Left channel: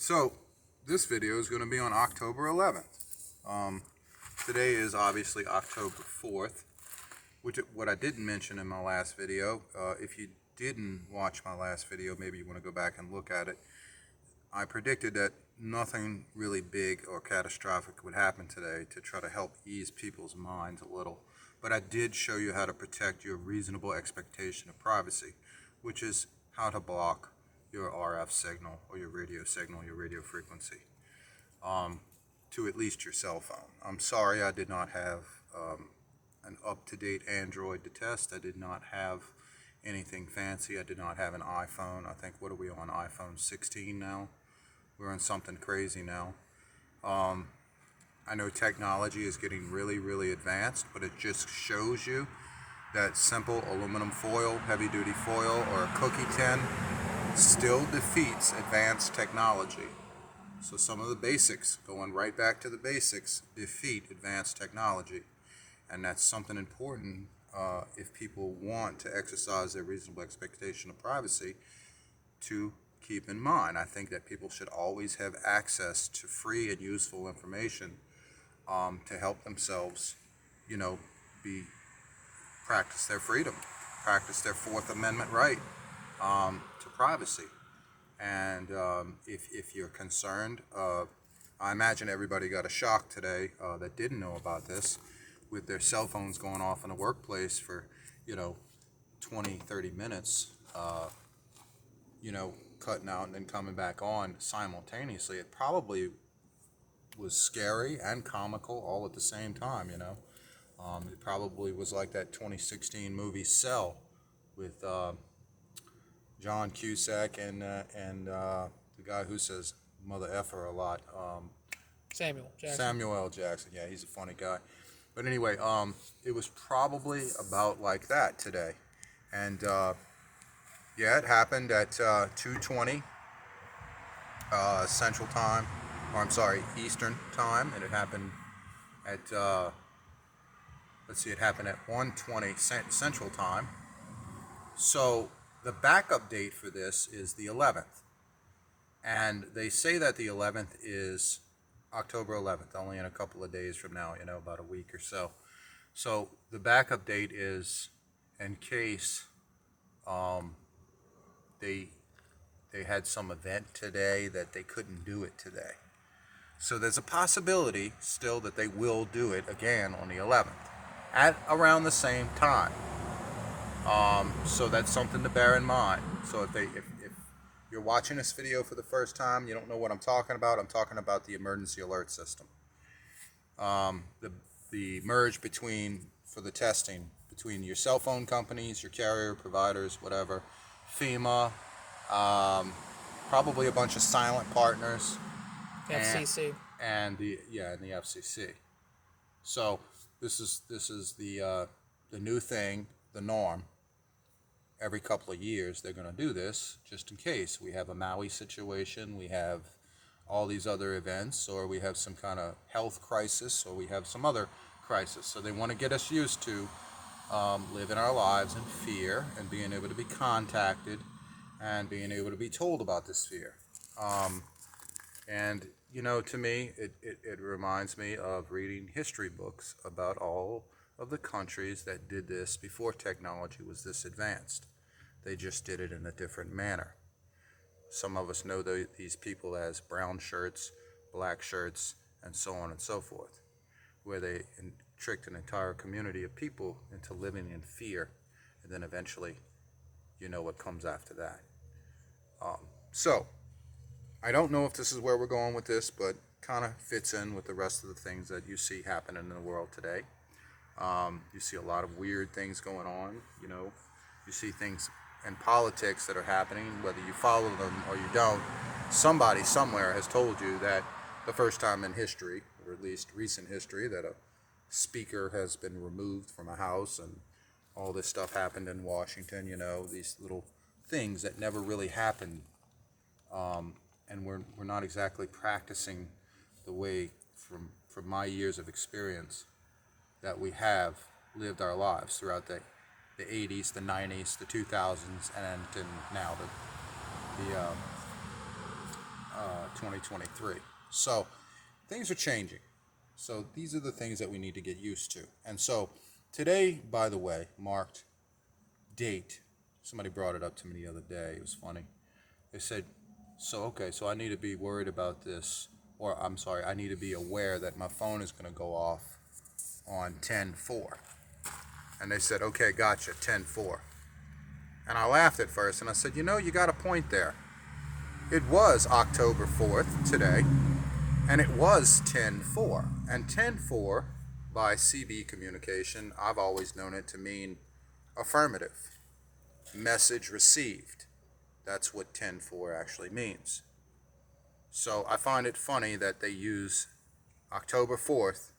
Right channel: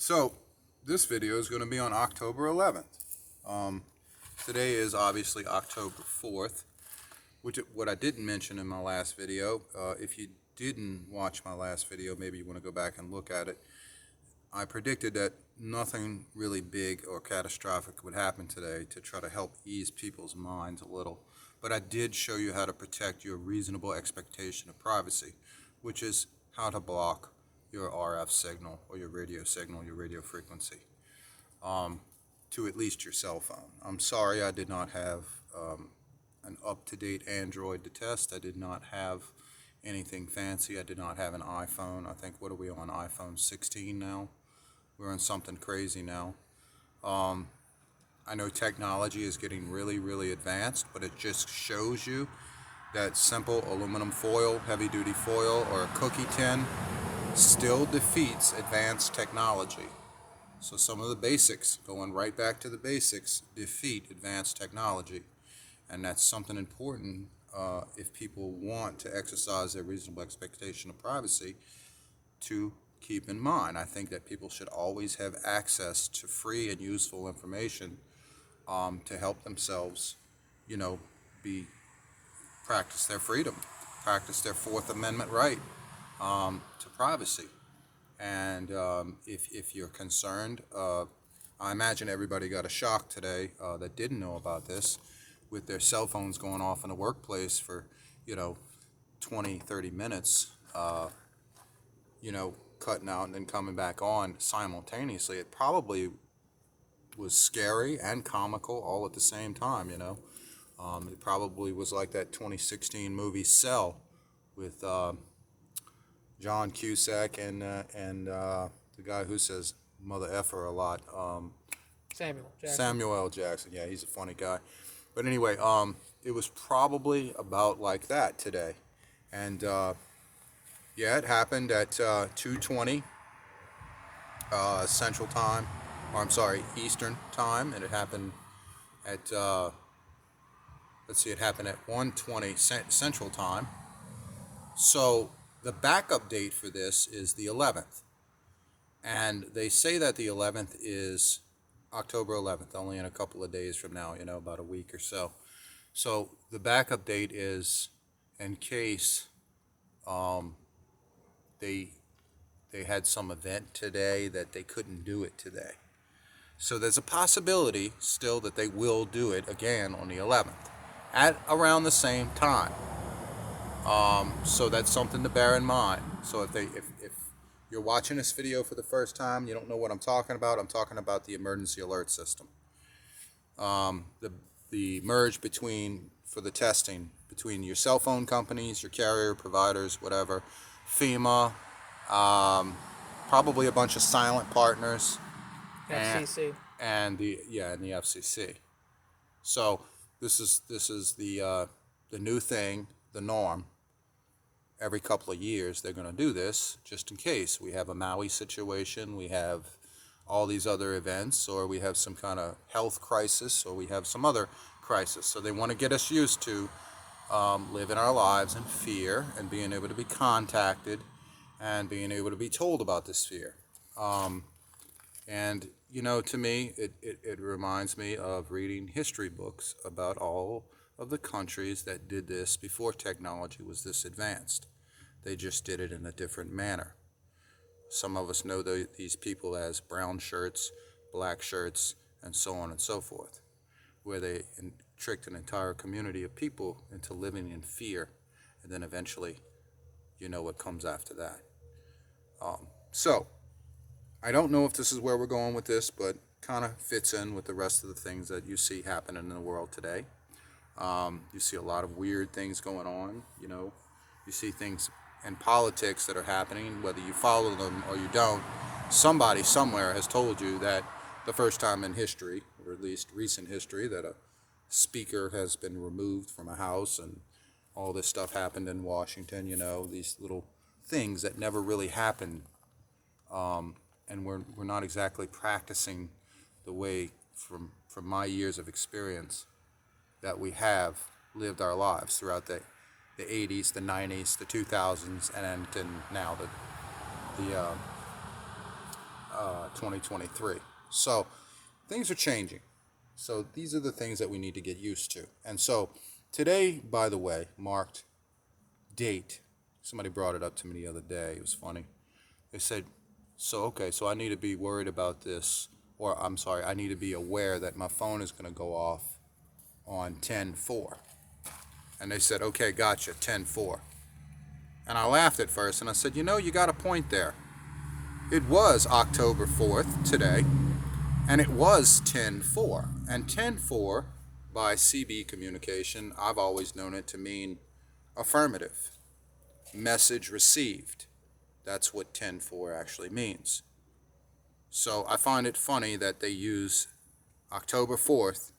So this video is going to be on October 11th. Today is obviously October 4th, what I didn't mention in my last video. If you didn't watch my last video, maybe you want to go back and look at it. I predicted that nothing really big or catastrophic would happen today to try to help ease people's minds a little. But I did show you how to protect your reasonable expectation of privacy, which is how to block your RF signal or your radio signal, your radio frequency, to at least your cell phone. I'm sorry I did not have an up-to-date Android to test. I did not have anything fancy. I did not have an iPhone. I think, what are we on, iPhone 16 now? We're on something crazy now. I know technology is getting really, really advanced, but it just shows you that simple aluminum foil, heavy-duty foil, or a cookie tin still defeats advanced technology. So some of the basics, going right back to the basics, defeat advanced technology. And that's something important if people want to exercise their reasonable expectation of privacy to keep in mind. I think that people should always have access to free and useful information to help themselves, practice their freedom, practice their 4th Amendment right to privacy. And if you're concerned, I imagine everybody got a shock today that didn't know about this, with their cell phones going off in the workplace for 20, 30 minutes, cutting out and then coming back on simultaneously. It probably was scary and comical all at the same time. It probably was like that 2016 movie Cell with John Cusack and the guy who says mother effer a lot. Samuel L. Jackson. Yeah, he's a funny guy. But anyway, it was probably about like that today. And it happened at 2:20 Central Time, or I'm sorry, Eastern Time, and it happened at it happened at 1:20 Central Time. So the backup date for this is the 11th. And they say that the 11th is October 11th, only in a couple of days from now, about a week or so. So the backup date is in case they had some event today that they couldn't do it today. So there's a possibility still that they will do it again on the 11th at around the same time. So that's something to bear in mind. So if you're watching this video for the first time, you don't know what I'm talking about. I'm talking about the emergency alert system. The merge for the testing between your cell phone companies, your carrier providers, whatever, FEMA, probably a bunch of silent partners, FCC, and the FCC. So this is the new thing, the norm. Every couple of years they're going to do this, just in case we have a Maui situation, we have all these other events, or we have some kind of health crisis, or we have some other crisis. So they want to get us used to living our lives in fear and being able to be contacted and being able to be told about this fear. And to me, it reminds me of reading history books about all of the countries that did this before technology was this advanced. They just did it in a different manner. Some of us know these people as brown shirts, black shirts, and so on and so forth, where they tricked an entire community of people into living in fear, and then eventually, what comes after that. So, I don't know if this is where we're going with this, but kind of fits in with the rest of the things that you see happening in the world today. You see a lot of weird things going on. You see things in politics that are happening, whether you follow them or you don't. Somebody somewhere has told you that the first time in history, or at least recent history, that a speaker has been removed from a house, and all this stuff happened in Washington. These little things that never really happened, and we're not exactly practicing the way, from my years of experience, that we have lived our lives throughout the 80s, the 90s, the 2000s, and now the 2023. So things are changing. So these are the things that we need to get used to. And so today, by the way, marked date. Somebody brought it up to me the other day. It was funny. They said, so I need to be worried about this, or I'm sorry, I need to be aware that my phone is going to go off on 10/4. And they said, okay, gotcha, 10/4. And I laughed at first, and I said, you got a point there. It was October 4th today, and it was 10/4. And 10/4, by CB communication, I've always known it to mean affirmative. Message received. That's what 10/4 actually means. So I find it funny that they use October 4th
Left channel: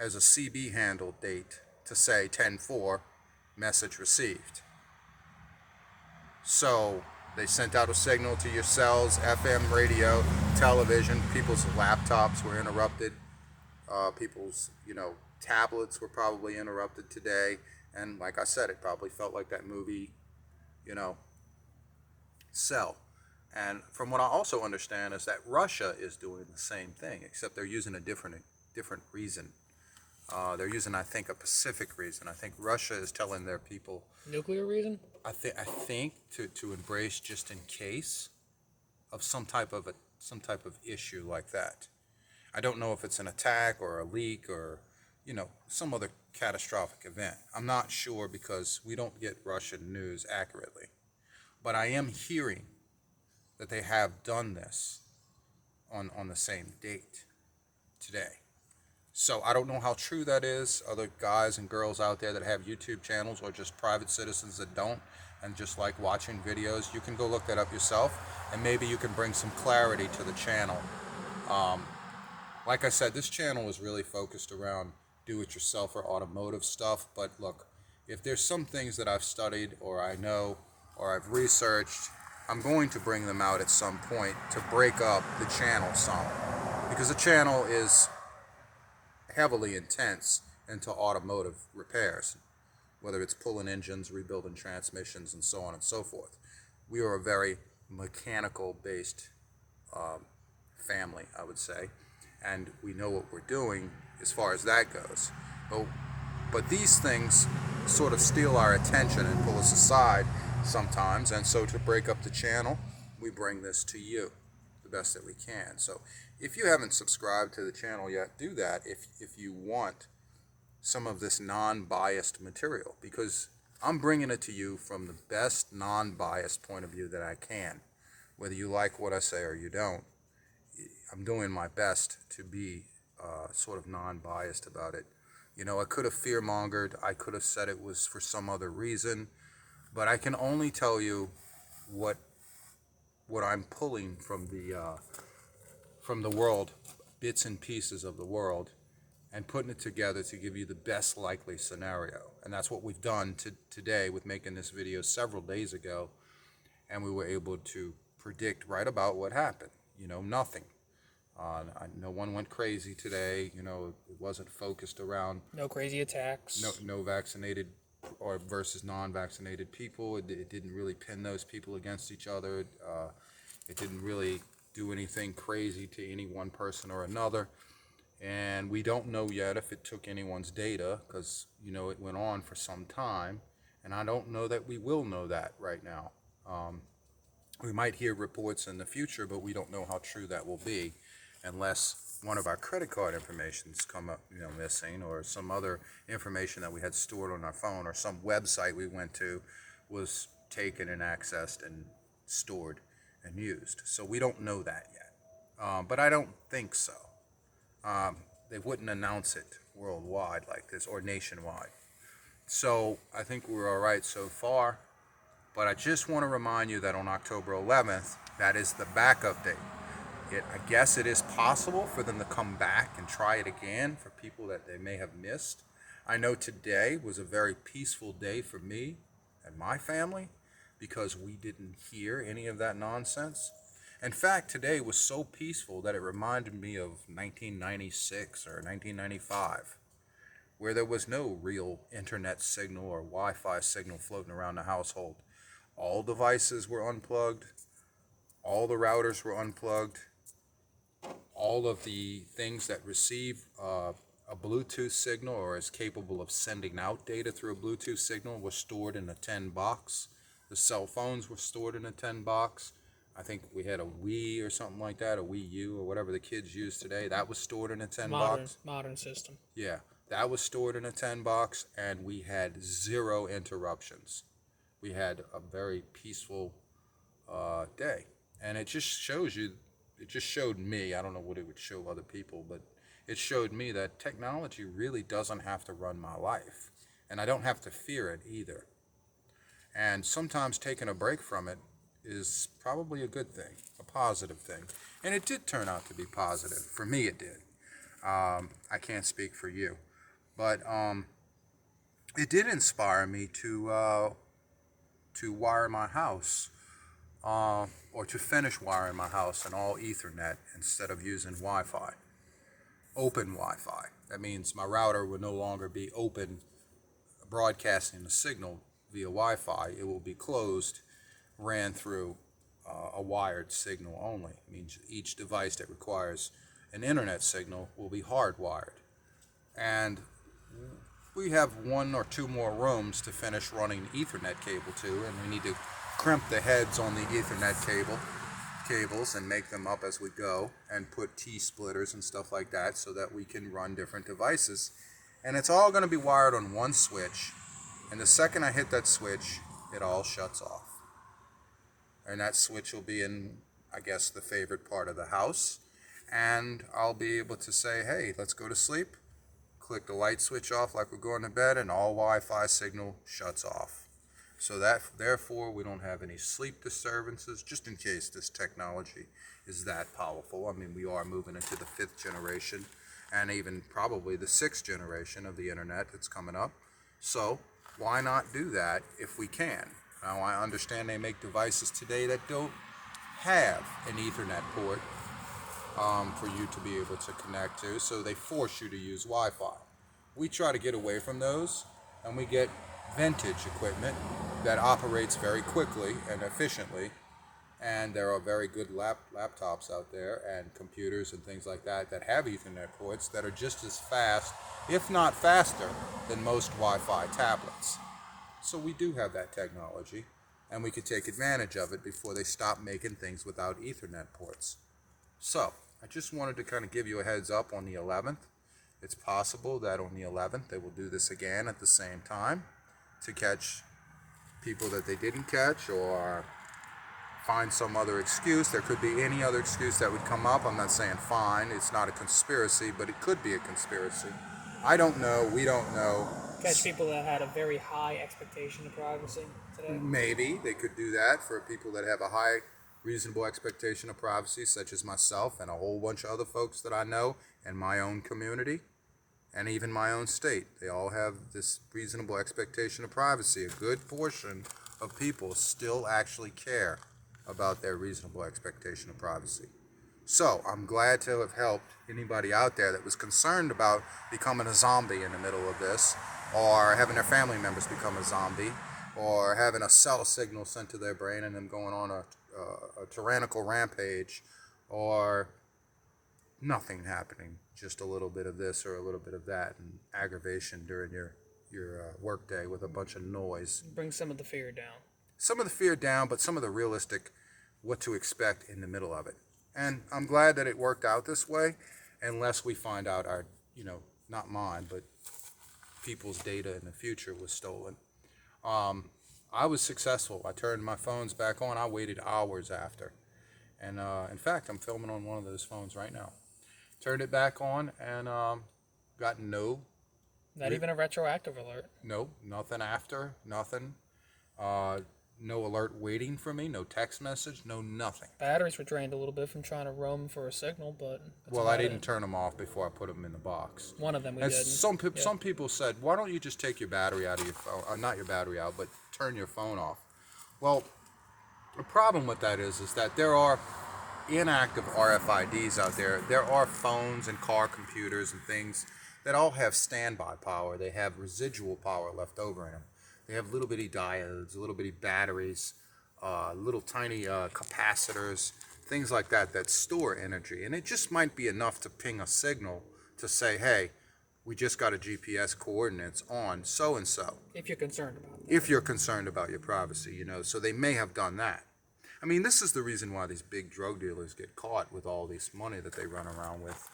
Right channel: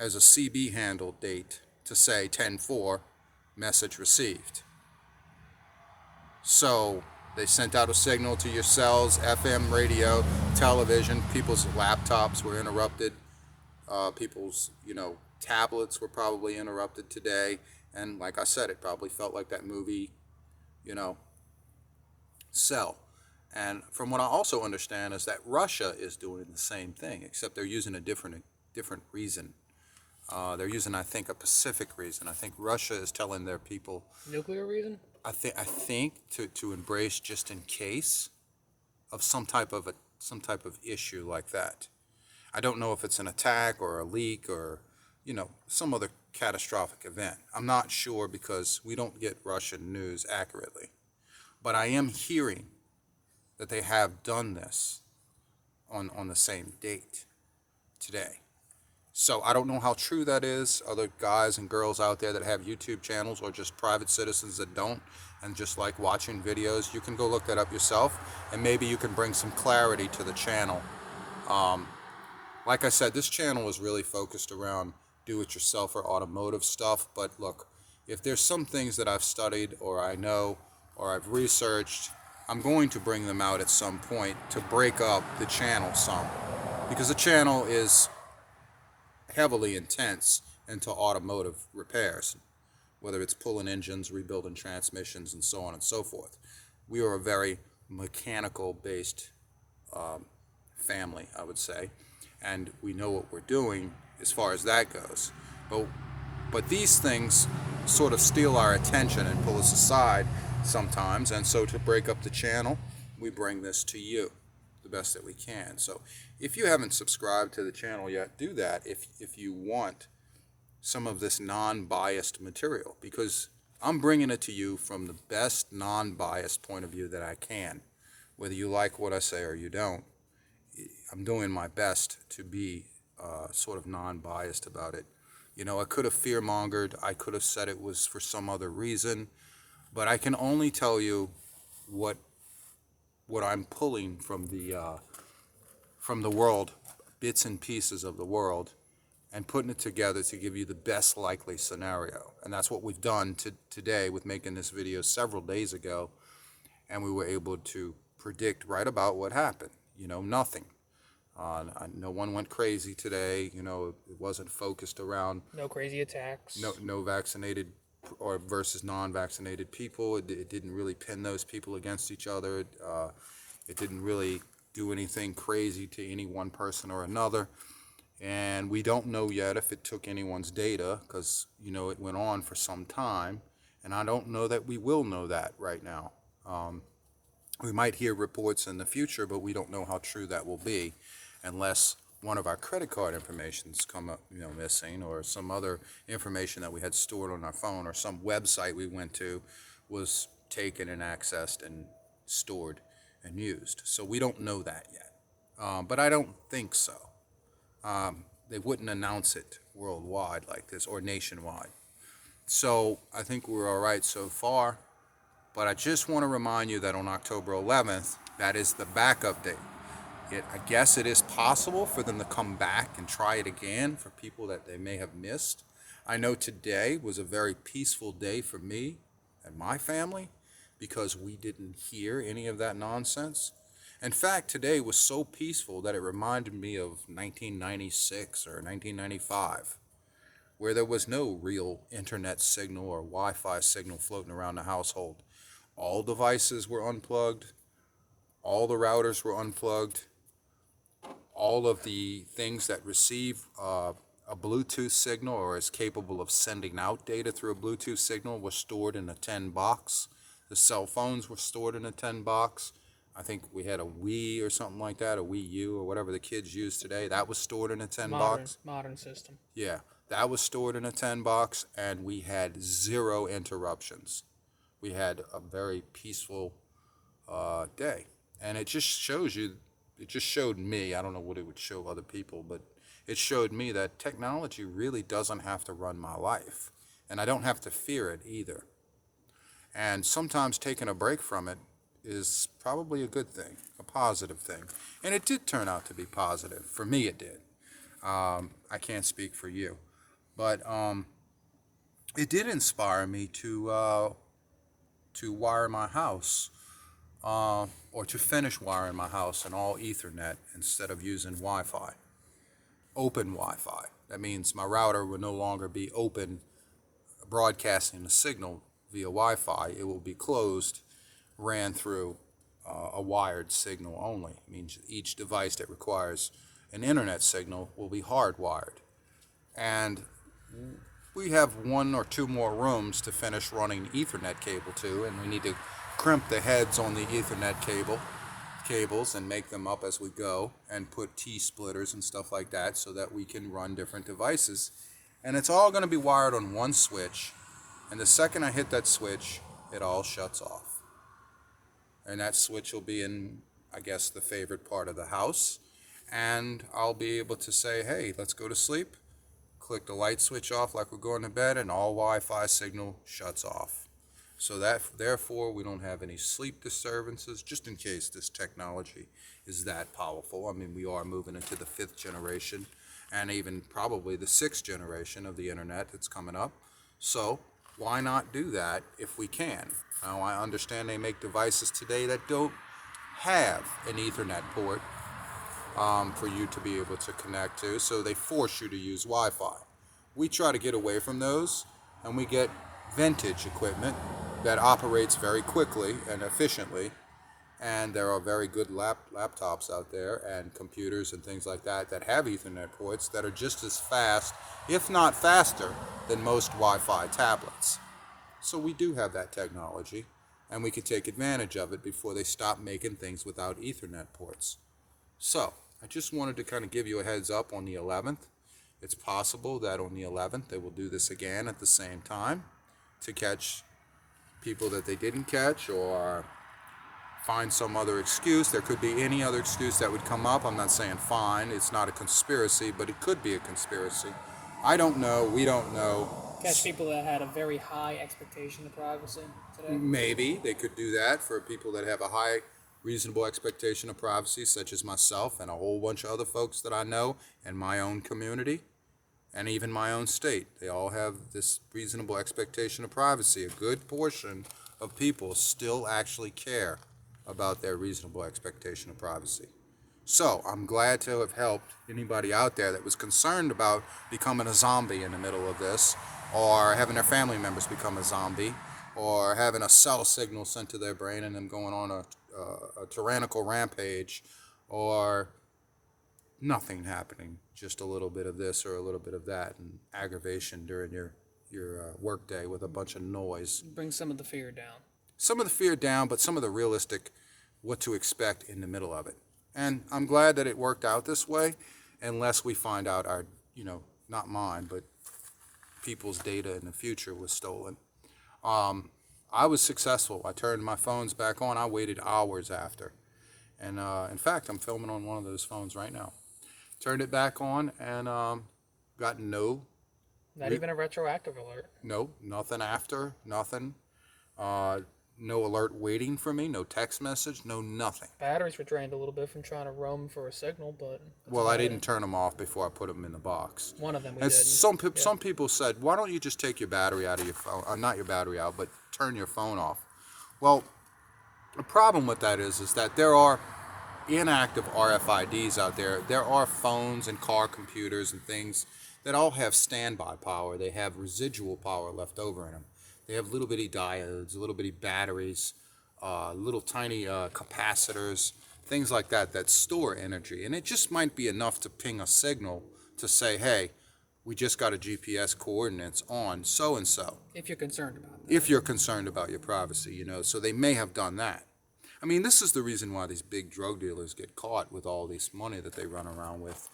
as a CB handle date to say 10/4, message received. So they sent out a signal to your cells, FM, radio, television. People's laptops were interrupted. People's, tablets were probably interrupted today. And like I said, it probably felt like that movie, Cell. And from what I also understand is that Russia is doing the same thing, except they're using a different reason. They're using, I think, a Pacific reason. I think Russia is telling their people nuclear reason. I think to embrace just in case of some type of issue like that. I don't know if it's an attack or a leak or some other catastrophic event. I'm not sure because we don't get Russian news accurately. But I am hearing that they have done this on the same date today. So I don't know how true that is. Other guys and girls out there that have YouTube channels or just private citizens that don't and just like watching videos, you can go look that up yourself and maybe you can bring some clarity to the channel. Like I said, this channel is really focused around do-it-yourself or automotive stuff. But look, if there's some things that I've studied or I know or I've researched, I'm going to bring them out at some point to break up the channel some. Because the channel is heavily intense into automotive repairs, whether it's pulling engines, rebuilding transmissions, and so on and so forth. We are a very mechanical-based family, I would say, and we know what we're doing as far as that goes. But these things sort of steal our attention and pull us aside sometimes, and so to break up the channel, we bring this to you the best that we can. So if you haven't subscribed to the channel yet, do that if you want some of this non-biased material, because I'm bringing it to you from the best non-biased point of view that I can. Whether you like what I say or you don't, I'm doing my best to be sort of non-biased about it. I could have fear-mongered, I could have said it was for some other reason, but I can only tell you what I'm pulling from the world, bits and pieces of the world, and putting it together to give you the best likely scenario. And that's what we've done today with making this video several days ago, and we were able to predict right about what happened. Nothing. No one went crazy today. It wasn't focused around no crazy attacks. No vaccinated or versus non-vaccinated people. It didn't really pin those people against each other. It didn't really do anything crazy to any one person or another. And we don't know yet if it took anyone's data because, it went on for some time. And I don't know that we will know that right now. We might hear reports in the future, but we don't know how true that will be unless one of our credit card informations come up, missing, or some other information that we had stored on our phone, or some website we went to was taken and accessed and stored and used. So we don't know that yet. But I don't think so. They wouldn't announce it worldwide like this or nationwide. So I think we're all right so far. But I just want to remind you that on October 11th, that is the backup date. I guess it is possible for them to come back and try it again for people that they may have missed. I know today was a very peaceful day for me and my family because we didn't hear any of that nonsense. In fact, today was so peaceful that it reminded me of 1996 or 1995, where there was no real internet signal or Wi-Fi signal floating around the household. All devices were unplugged. All the routers were unplugged. all of the things that receive a Bluetooth signal or is capable of sending out data through a Bluetooth signal was stored in a 10 box. The cell phones were stored in a 10 box. I think we had a Wii or something like that, a Wii U or whatever the kids use today. That was stored in a 10 box. Modern system. Yeah, that was stored in a 10 box, and we had 0 interruptions. We had a very peaceful day. And it just shows you, it just showed me, I don't know what it would show other people, but it showed me that technology really doesn't have to run my life. And I don't have to fear it either. And sometimes taking a break from it is probably a good thing, a positive thing. And it did turn out to be positive. For me, it did. I can't speak for you. But it did inspire me to wire my house, or to finish wiring my house in all Ethernet instead of using Wi-Fi. Open Wi-Fi. That means my router will no longer be open, broadcasting the signal via Wi-Fi. It will be closed, ran through a wired signal only. It means each device that requires an internet signal will be hardwired. And we have 1 or 2 more rooms to finish running Ethernet cable to, and we need to crimp the heads on the Ethernet cables and make them up as we go, and put T-splitters and stuff like that so that we can run different devices. And it's all going to be wired on one switch, and the second I hit that switch, it all shuts off. And that switch will be in, I guess, the favorite part of the house, and I'll be able to say, hey, let's go to sleep. Click the light switch off like we're going to bed, and all Wi-Fi signal shuts off. So that, therefore, we don't have any sleep disturbances, just in case this technology is that powerful. I mean, we are moving into the 5th generation, and even probably the 6th generation of the internet that's coming up. So why not do that if we can? Now, I understand they make devices today that don't have an Ethernet port for you to be able to connect to, so they force you to use Wi-Fi. We try to get away from those, and we get vintage equipment that operates very quickly and efficiently, and there are very good laptops out there and computers and things like that that have Ethernet ports that are just as fast, if not faster, than most Wi-Fi tablets. So we do have that technology, and we could take advantage of it before they stop making things without Ethernet ports. So I just wanted to kind of give you a heads up on the 11th. It's possible that on the 11th they will do this again at the same time to catch people that they didn't catch, or find some other excuse. There could be any other excuse that would come up. I'm not saying fine, it's not a conspiracy, but it could be a conspiracy. I don't know, we don't know. Catch people that had a very high expectation of privacy today. Maybe they could do that for people that have a high reasonable expectation of privacy, such as myself and a whole bunch of other folks that I know in my own community and even my own state. They all have this reasonable expectation of privacy. A good portion of people still actually care about their reasonable expectation of privacy. So I'm glad to have helped anybody out there that was concerned about becoming a zombie in the middle of this, or having their family members become a zombie, or having a cell signal sent to their brain and them going on a tyrannical rampage, or nothing happening, just a little bit of this or a little bit of that, and aggravation during your work day with a bunch of noise. Bring some of the fear down. Some of the fear down, but some of the realistic what to expect in the middle of it. And I'm glad that it worked out this way, unless we find out our, not mine, but people's data in the future was stolen. I was successful. I turned my phones back on. I waited hours after. And in fact, I'm filming on one of those phones right now. Turned it back on and got no. Not even a retroactive alert. No, nothing after, nothing. No alert waiting for me, no text message, no nothing. Batteries were drained a little bit from trying to roam for a signal, but... Well, I didn't turn them off before I put them in the box. One of them we and didn't. Some people said, why don't you just take your battery out of your phone, not your battery out, but turn your phone off. Well, the problem with that is that there are inactive RFIDs out there. There are phones and car computers and things that all have standby power. They have residual power left over in them. They have little bitty diodes, little bitty batteries, little tiny capacitors, things like that that store energy. And it just might be enough to ping a signal to say, hey, we just got a GPS coordinates on so-and-so. If you're concerned about that. If you're concerned about your privacy, you know, so they may have done that. I mean, this is the reason why these big drug dealers get caught with all this money that they run around with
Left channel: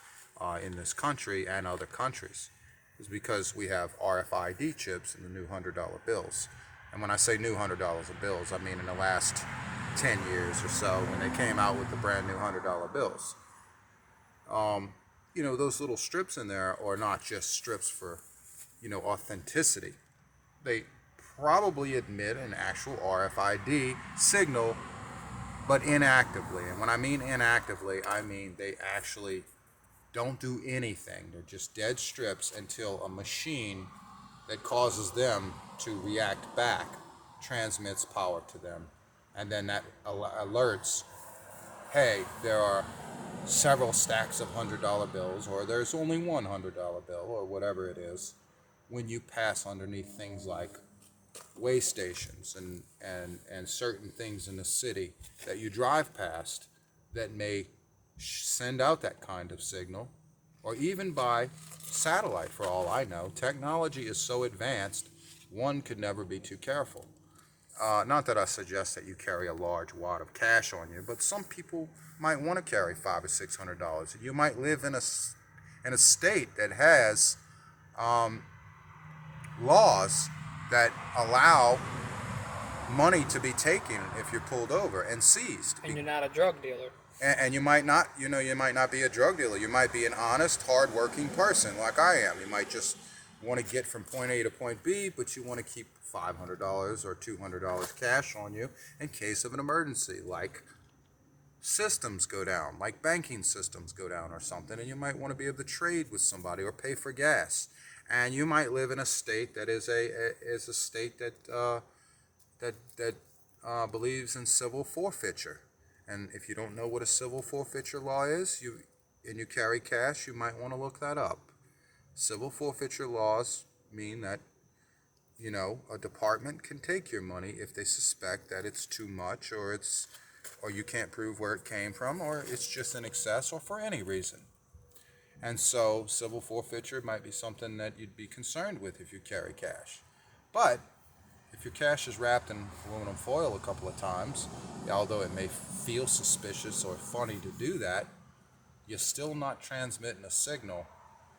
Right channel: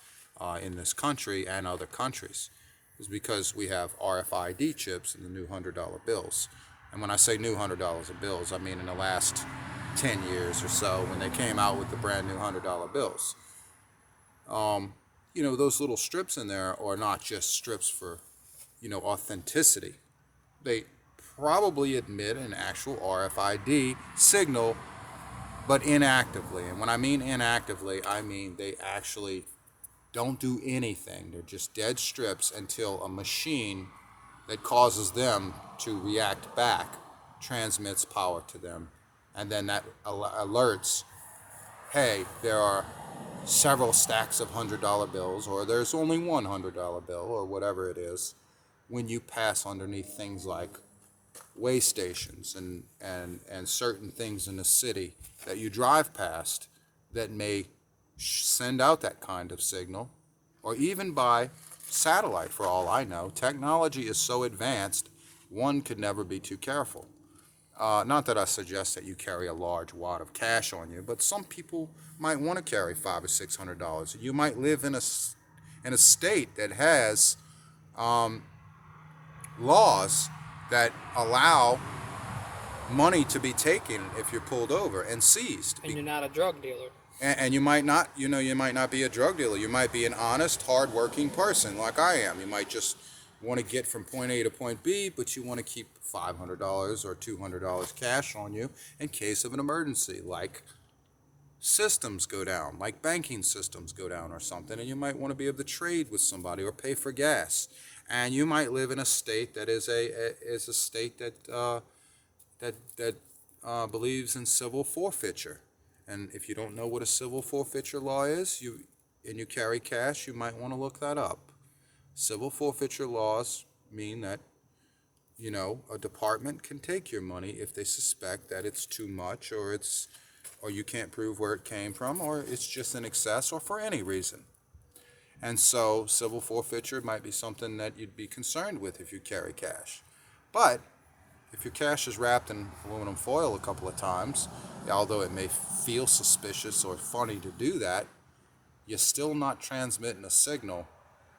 in this country and other countries, is because we have RFID chips in the new $100 bills. And when I say new $100 bills, I mean in the last 10 years or so when they came out with the brand new $100 bills. You know, those little strips in there are not just strips for, you know, authenticity. They probably admit an actual RFID signal, but inactively. And when I mean inactively, I mean they actually don't do anything. They're just dead strips until a machine that causes them to react back transmits power to them. And then that alerts, hey, there are several stacks of $100 bills, or there's only one $100 bill, or whatever it is, when you pass underneath things like way stations and certain things in the city that you drive past that may send out that kind of signal, or even by satellite, for all I know. Technology is so advanced, one could never be too careful. Not that I suggest that you carry a large wad of cash on you, but some people might want to carry $500 or $600. You might live in a state that has laws that allow money to be taken if you're pulled over and seized. And you're not a drug dealer. And you might not, you know, you might not be a drug dealer. You might be an honest, hard-working person like I am. You might just want to get from point A to point B, but you want to keep $500 or $200 cash on you in case of an emergency, like systems go down, like banking systems go down or something, and you might want to be able to trade with somebody or pay for gas. And you might live in a state that is a state that believes in civil forfeiture. And if you don't know what a civil forfeiture law is, and you carry cash, you might want to look that up. Civil forfeiture laws mean that, you know, a department can take your money if they suspect that it's too much, or you can't prove where it came from, or it's just in excess, or for any reason. And so civil forfeiture might be something that you'd be concerned with if you carry cash. But if your cash is wrapped in aluminum foil a couple of times, although it may feel suspicious or funny to do that, you're still not transmitting a signal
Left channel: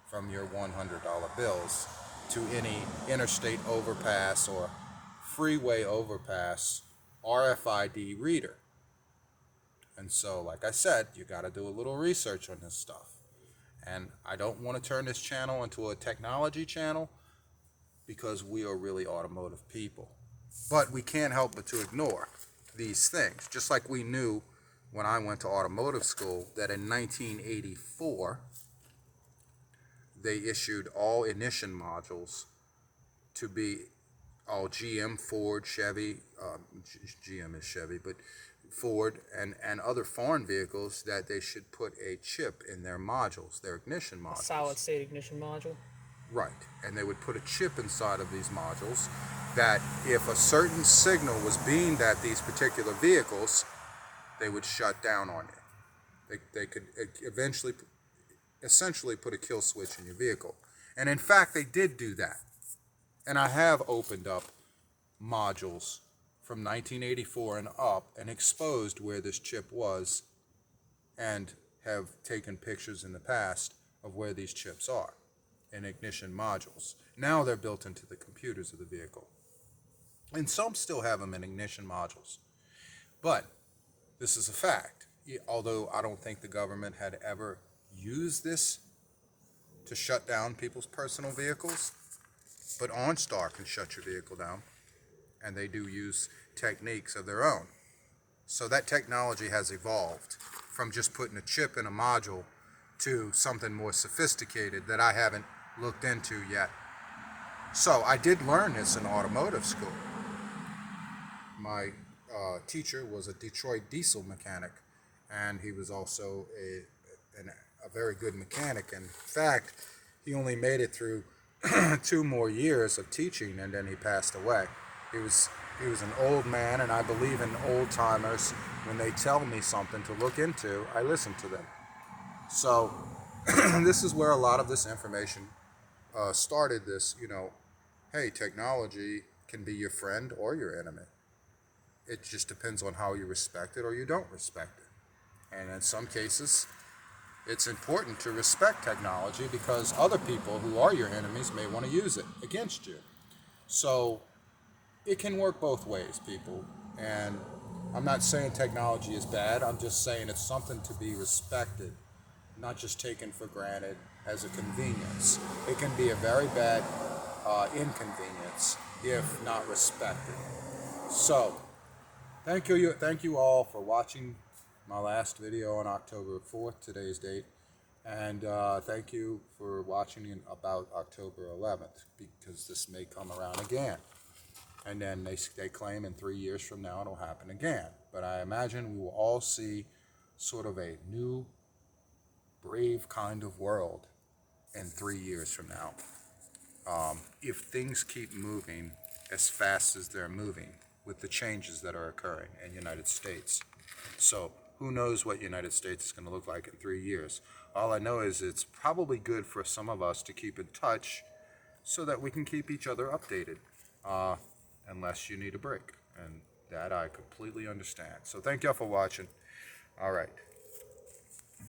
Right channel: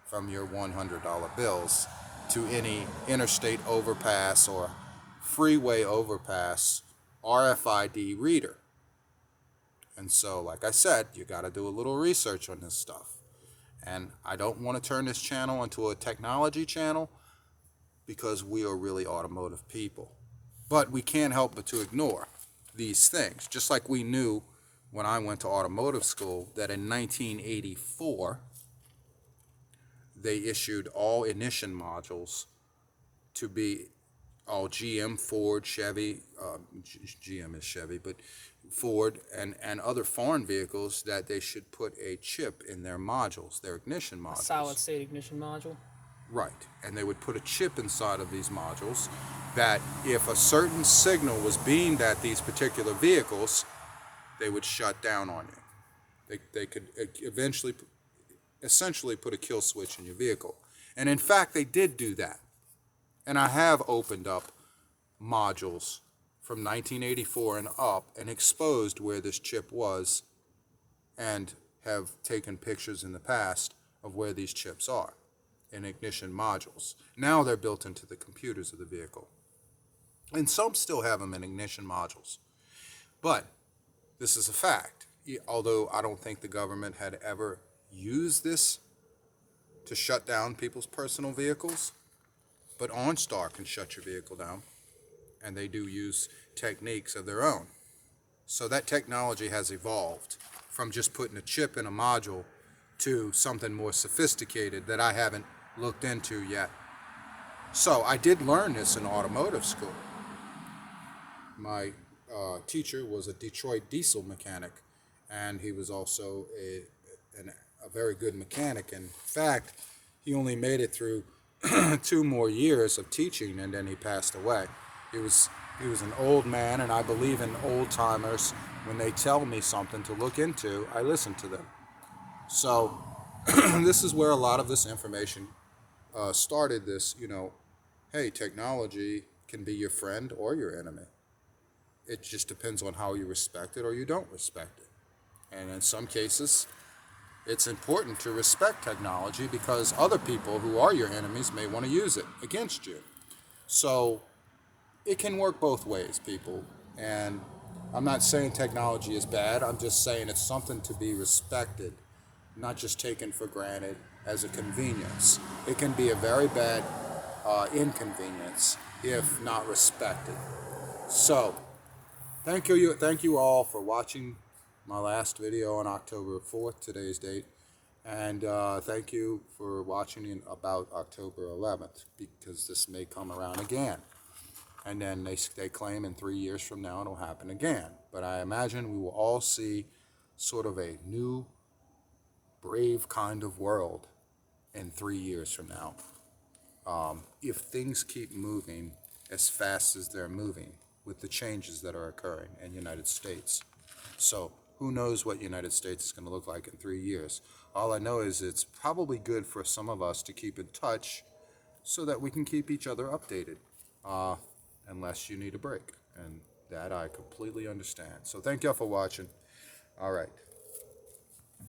from your $100 bills to any interstate overpass or freeway overpass RFID reader. And so, like I said, you got to do a little research on this stuff. And I don't want to turn this channel into a technology channel, because we are really automotive people. But we can't help but to ignore these things. Just like we knew when I went to automotive school that in 1984, they issued all ignition modules to be all GM, Ford, Chevy, GM is Chevy, but Ford and other foreign vehicles, that they should put a chip in their modules, their ignition modules. A solid state ignition module. Right, and they would put a chip inside of these modules that if a certain signal was beamed at these particular vehicles, they would shut down on you. They could eventually, essentially put a kill switch in your vehicle. And in fact, they did do that. And I have opened up modules from 1984 and up and exposed where this chip was, and have taken pictures in the past of where these chips are in ignition modules. Now they're built into the computers of the vehicle. And some still have them in ignition modules. But this is a fact. Although I don't think the government had ever used this to shut down people's personal vehicles, but OnStar can shut your vehicle down, and they do use techniques of their own. So that technology has evolved from just putting a chip in a module to something more sophisticated that I haven't looked into yet. So I did learn this in automotive school. My teacher was a Detroit diesel mechanic, and he was also a very good mechanic. In fact, he only made it through 2 more years of teaching, and then he passed away. He was He was an old man, and I believe in old timers. When they tell me something to look into, I listen to them. So this is where a lot of this information started. This, hey, technology can be your friend or your enemy. It just depends on how you respect it or you don't respect it. And in some cases, it's important to respect technology because other people who are your enemies may want to use it against you. So it can work both ways, people. And I'm not saying technology is bad. I'm just saying it's something to be respected, not just taken for granted as a convenience. It can be a very bad inconvenience if not respected. So, thank you all for watching my last video on October 4th, today's date. And thank you for watching about October 11th, because this may come around again. And then they claim in 3 years from now it'll happen again. But I imagine we will all see sort of a new, brave kind of world in 3 years from now. If things keep moving as fast as they're moving with the changes that are occurring in the United States. So who knows what United States is going to look like in 3 years. All I know is it's probably good for some of us to keep in touch so that we can keep each other updated, unless you need a break. And that I completely understand. So thank y'all for watching. All right.